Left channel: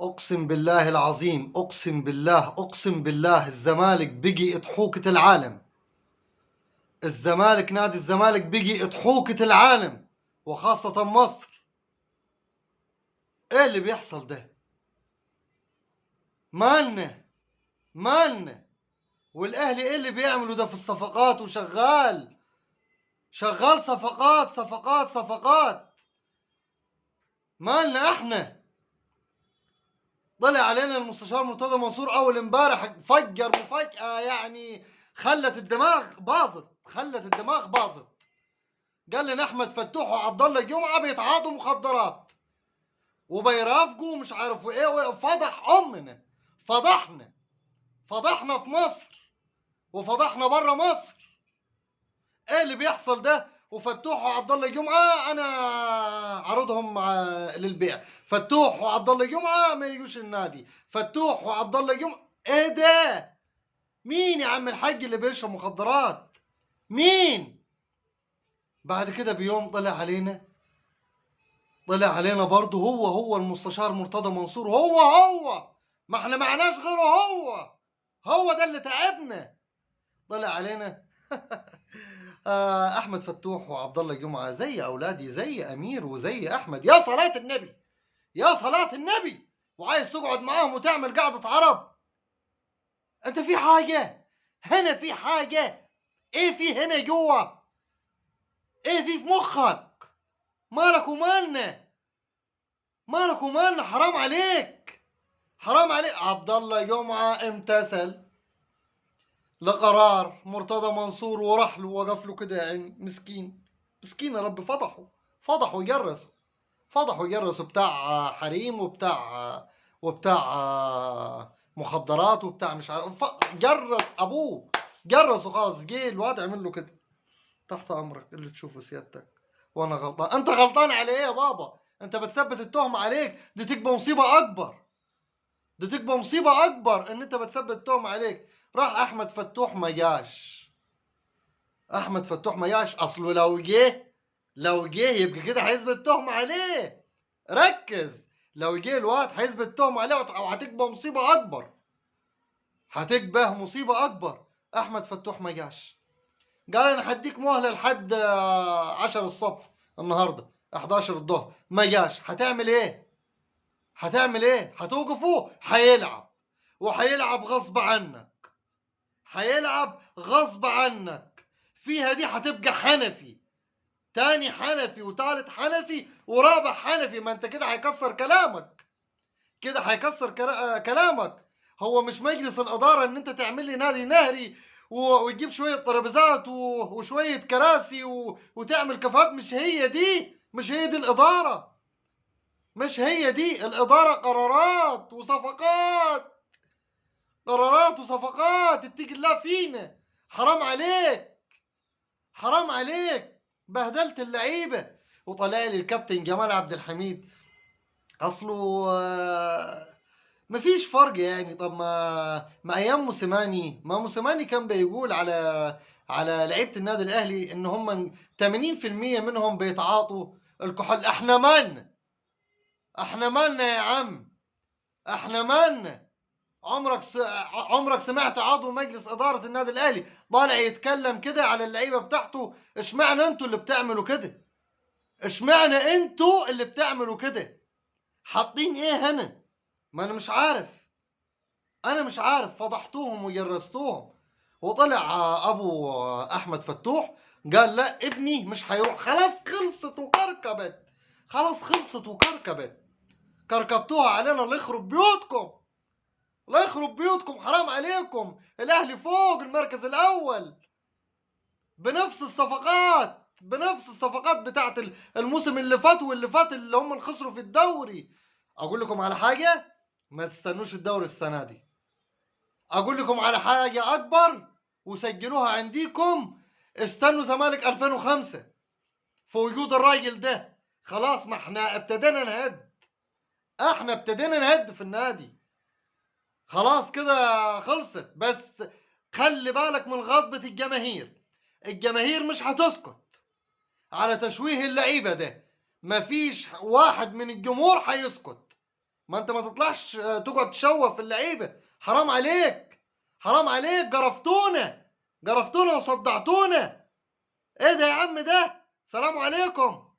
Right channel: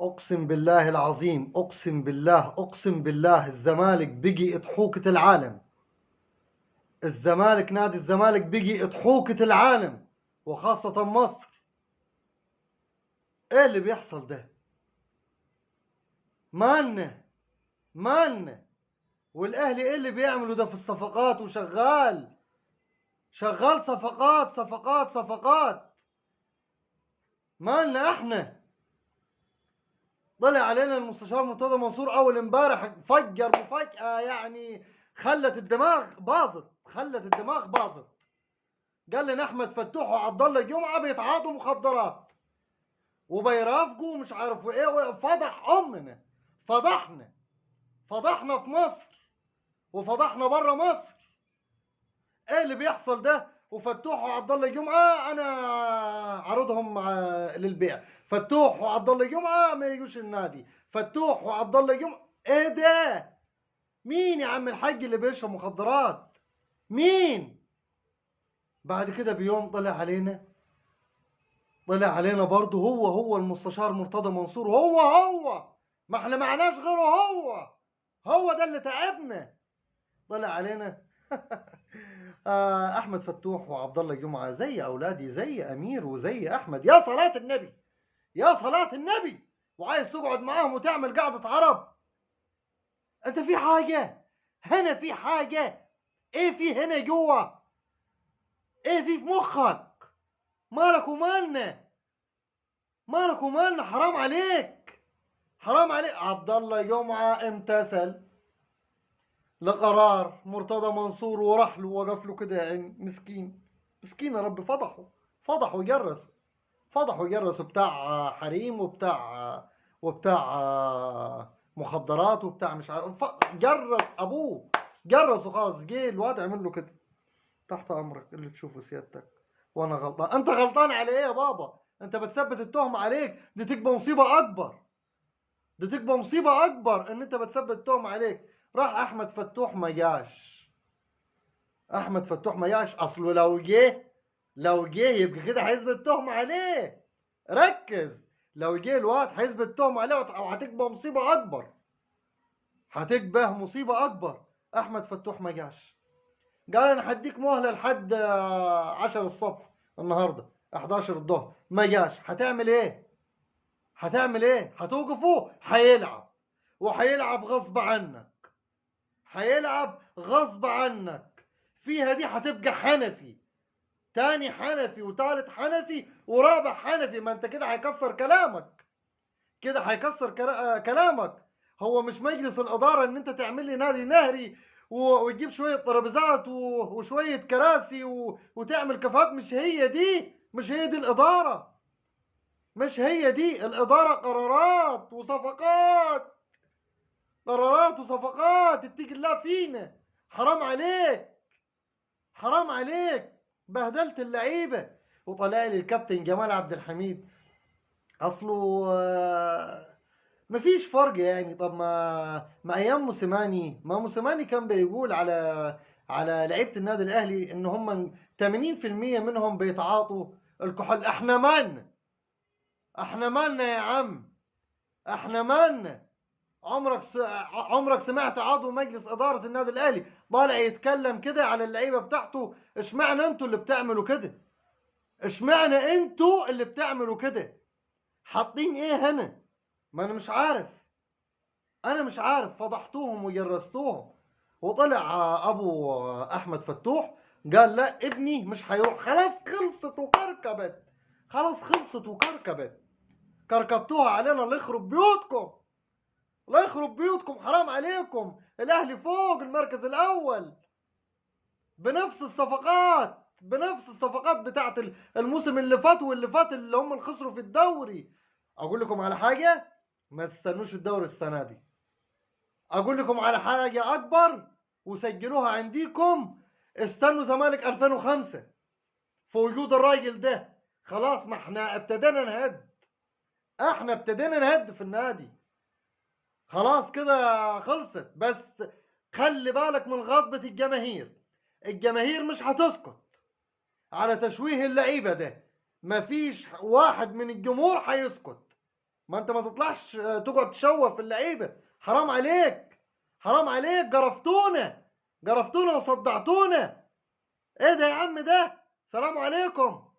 اقسم بالله العظيم، اقسم بالله، اقسم بالله، الزمالك بقي اضحوكة العالم. الزمالك، نادي الزمالك بقي اضحوكة العالم، وخاصة مصر. ايه اللي بيحصل ده؟ مالنا مالنا والاهلي ايه اللي بيعملوا ده في الصفقات؟ وشغال شغال صفقات صفقات صفقات. مالنا احنا؟ طلع علينا المستشار مرتضى منصور اول امبارح، فجر مفاجأة يعني خلت الدماغ باظت، خلت الدماغ باظت. قال لنا احمد فتوح وعبد الله جمعه بيتعاطوا مخدرات وبيرافقوا مش عارف ايه. فضح امنا، فضحنا، فضحنا في مصر وفضحنا بره مصر. ايه اللي بيحصل ده؟ وفتوح وعبد الله جمعه انا عرضهم للبيع. فتوح وعبد الله جمعه ما يجوش النادي. فتوح وعبد الله جمعه. ايه ده؟ مين يا عم الحاج اللي بيشرب مخدرات؟ مين؟ بعد كده بيوم طلع علينا برضه هو المستشار مرتضى منصور. هو ما احنا معناش غيره. هو ده اللي تعبنا. طلع علينا احمد فتوح وعبد الله جمعه زي اولادي، زي امير وزي احمد. يا صلاه النبي، يا صلاه النبي. وعايز تقعد معاهم وتعمل قعده عرب؟ انت في حاجه هنا، في حاجه. ايه في هنا جوا؟ ايه في مخك؟ مالك ومالنا؟ مالك ومالنا؟ حرام عليك، حرام عليك. عبد الله جمعه امتثل لقرار مرتضى منصور وراح له، وقف له كده يعني. مسكين، مسكين يا رب. فضحوا جرسوا، فضحوا جرسوا بتاع حريم وبتاع مخدرات وبتاع مش عارف. جرس ابوه، جرسوا خالص. جه الواد عمل له كده: تحت امرك اللي تشوفه سيادتك، وانا غلطان. انت غلطان على ايه يا بابا؟ انت بتثبت التهمه عليك، دي تبقى مصيبه اكبر، دي تبقى مصيبه اكبر ان انت بتثبت التهمه عليك. راح احمد فتوح ما جاش. احمد فتوح ما جاش. اصله لو جه يبقى كده هيثبت تهمه عليه. ركز، لو جه الواد هيثبت تهمه عليه وهتبقى مصيبه اكبر، هتبقى مصيبه اكبر. احمد فتوح ما جاش. قال انا هديك مهله لحد 10 الصبح، النهارده 11 الظهر. ما جاش. هتعمل ايه؟ هتعمل ايه؟ هتوقفه؟ هيلعب، وهيلعب غصب عنك، هيلعب غصب عنك. فيها دي هتبقى حنفي، تاني حنفي وتالت حنفي ورابع حنفي. ما انت كده هيكسر كلامك، كده هيكسر كلامك. هو مش مجلس الإدارة ان انت تعمل لي نادي نهري وتجيب شوية ترابيزات وشوية كراسي وتعمل كافيهات. مش هي دي، مش هي دي الإدارة، مش هي دي الإدارة. قرارات وصفقات، قرارات وصفقات. اتقي الله فينا. حرام عليك، حرام عليك. بهدلت اللعيبه. وطلع لي الكابتن جمال عبد الحميد. اصله مفيش فرق يعني. طب ما ايام موسيماني، ما موسيماني كان بيقول على لعيبه النادي الاهلي ان هم 80% منهم بيتعاطوا الكحول. احنا مالنا يا عم؟ احنا مالنا؟ عمرك سمعت عضو مجلس إدارة النادي الأهلي طالع يتكلم كده على اللعيبة بتاعته؟ اشمعنى انتوا اللي بتعملوا كده؟ اشمعنى انتوا اللي بتعملوا كده؟ حاطين ايه هنا؟ ما انا مش عارف، انا مش عارف. فضحتوهم وجرستوهم. وطلع ابو احمد فتوح قال لا ابني مش هيروح. خلاص خلصت وكركبت، خلاص خلصت وكركبت. كركبتوها علينا. الله يخرب بيوتكم، الله يخرب بيوتكم. حرام عليكم. الاهلي فوق المركز الاول بنفس الصفقات، بنفس الصفقات بتاعت الموسم اللي فات واللي فات اللي هم خسروا في الدوري. اقول لكم على حاجه، ما تستنوش الدوري السنه دي. اقول لكم على حاجه اكبر وسجلوها عندكم: استنوا زمالك 2005 في وجود الراجل ده. خلاص، ما احنا ابتدينا نهد، احنا ابتدينا نهد في النادي. خلاص كده خلصت. بس خلي بالك من غضبة الجماهير. الجماهير مش هتسكت على تشويه اللعيبة ده. مفيش واحد من الجمهور هيسكت. ما انت ما تطلعش تقعد تشوف في اللعيبه. حرام عليك، حرام عليك، جرفتونا، جرفتونا وصدعتونا. ايه ده يا عم ده؟ سلام عليكم.